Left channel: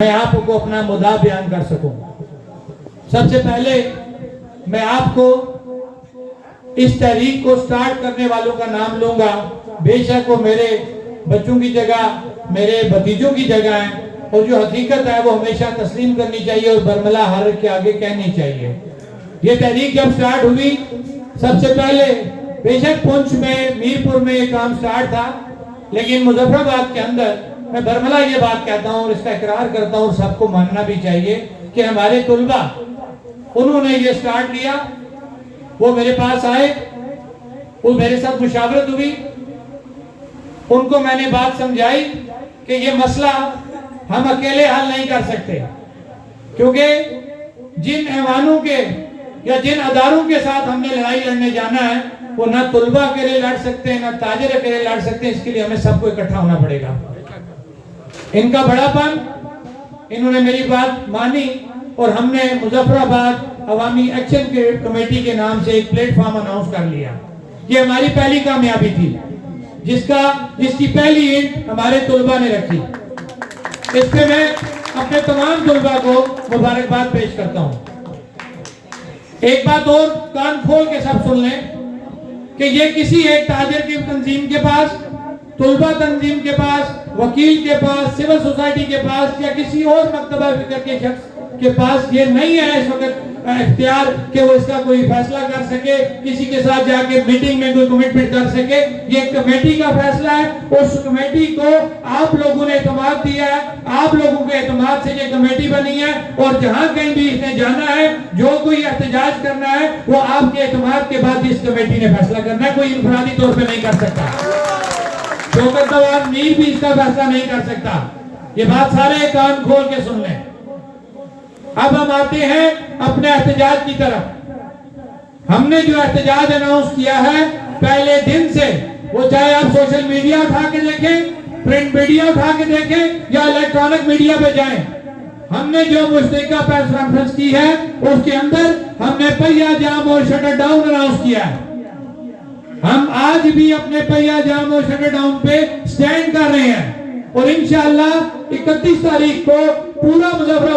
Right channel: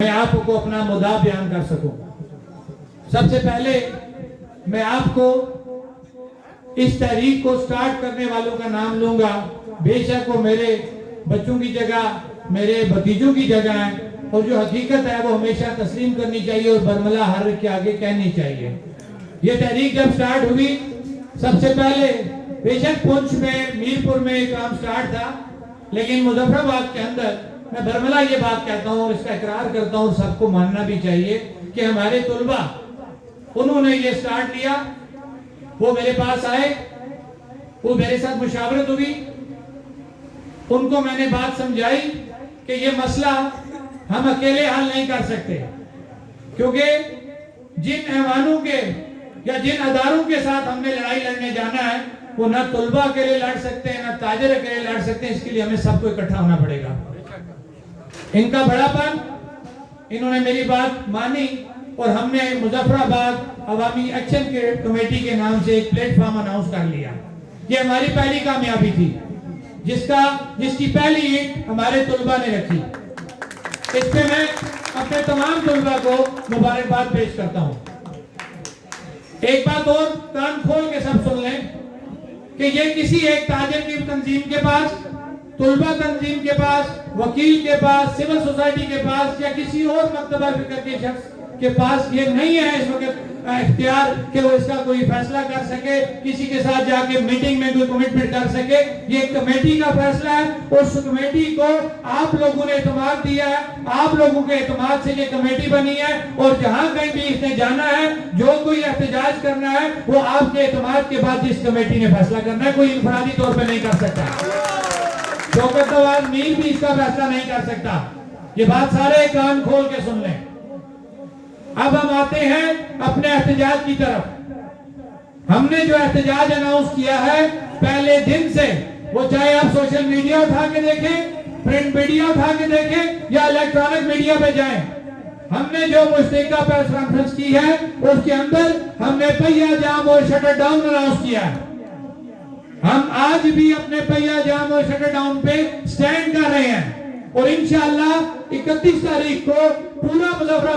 میں آپ کو اپنا مدعا بیان کر سکوں۔ سب سے پہلے میں آپ کو اس تحریک کو سٹارٹ کرنے والوں کا نام لوں گا۔ بے شک وہ میرے بچوں کی جگہ، میرے بھتیجوں کی جگہ ہے، اور جو حقیقت ہے وہ ہمیشہ تسلیم کرنی چاہیے اور برملا ہر کے آگے کہنی چاہیے۔ یہ تحریک جب سٹارٹ ہوئی، سب سے پہلے بے شک پونچھ میں، میرپور میں یہ کام سٹارٹ تھا، لیکن مظفر آباد کے اندر میں برملا یہ بات کہتا ہوں اور اس کا اقرار کرتا ہوں، سب کو ماننا بھی چاہیے کہ ہمارے طلبہ انہوں نے یہ سٹارٹ لیا۔ وہ میرے پاس آئے، وہ میرے ساتھ مشاورت ہوئی، ان کو میں نے بات سمجھائی کہ یہ مسئلہ ہم اکیلے حل نہیں کر سکتے، کیونکہ جن ایوانوں کے یا جن اداروں کے ساتھ ہم نے لڑائی لڑنے جانا ہے وہ نہ طلبہ اکیلے لڑ سکتے ہیں، نہ تاجر اکیلے لڑ سکتے ہیں۔ اس کے لیے ہمیں سب کو اکٹھا ہونا پڑے گا۔ ان کا بڑا پن، انہوں نے میری بات مانی اور ہم نے مظفر آباد عوامی ایکشن کمیٹی کے نام سے ایک پلیٹ فارم اناؤنس کر لیا۔ یہ ہماری پہلی کامیابی تھی، جس کی پہلی اینٹ ہمارے طلبہ نے رکھی۔ اس پہ میں اپنے تمام طلبہ کو مبارکباد پیش کرتا ہوں۔ ایک بات اور کان کھول کے سب سن لیں کہ یہ کسی ایک تاجر کی تنظیم کے پاس، طلبہ تنظیم کے پاس، وکیل کے پاس، سول سوسائٹی کے پاس یا کسی اور مکتبہ فکر کے شخص کے پاس یہ نہیں ہے اس وقت اختیار کہ وہ اس کا کوئی فیصلہ کر سکے، کسی کے ساتھ جا کے میٹنگ میں کوئی کمٹمنٹ کر سکے۔ یہ کمیٹی کا فیصلہ ہے، اس کمیٹی کو آپ لوگوں نے اعتماد دیا ہے، آپ لوگوں کے اعتماد سے یہ کمیٹی بنی ہے، اور جہاں کہیں بھی اس نے جانا ہے، جو کوئی احتجاج کرنا ہے، وہ آپ کے اعتماد کے بعد اس کمیٹی نے فیصلہ کرنا ہے، کوئی انفرادی طور پہ نہیں کر سکتا۔ شوکت نواز میر بھی اس کا فیصلہ نہیں کر سکتا۔ یہ بات سارے کان کھول کے سن لیں۔ اب ہم آتے ہیں اپنے احتجاج کی طرف۔ ہم نے جو احتجاج اناؤنس کیا ہے پہلے دن سے، وہ چاہے آپ سوشل میڈیا اٹھا کے دیکھیں، پرنٹ میڈیا اٹھا کے دیکھیں یا الیکٹرانک میڈیا پہ جائیں، ہم نے جو مشترکہ پریس کانفرنس کی ہے اس کے اندر ہم نے پہیہ جام اور شٹر ڈاؤن اناؤنس کیا ہے۔ ہم آج بھی اپنے پہیہ جام اور شٹر ڈاؤن پہ سٹینڈ کر رہے ہیں، اور انشاءاللہ 31 تاریخ کو پورا مظفر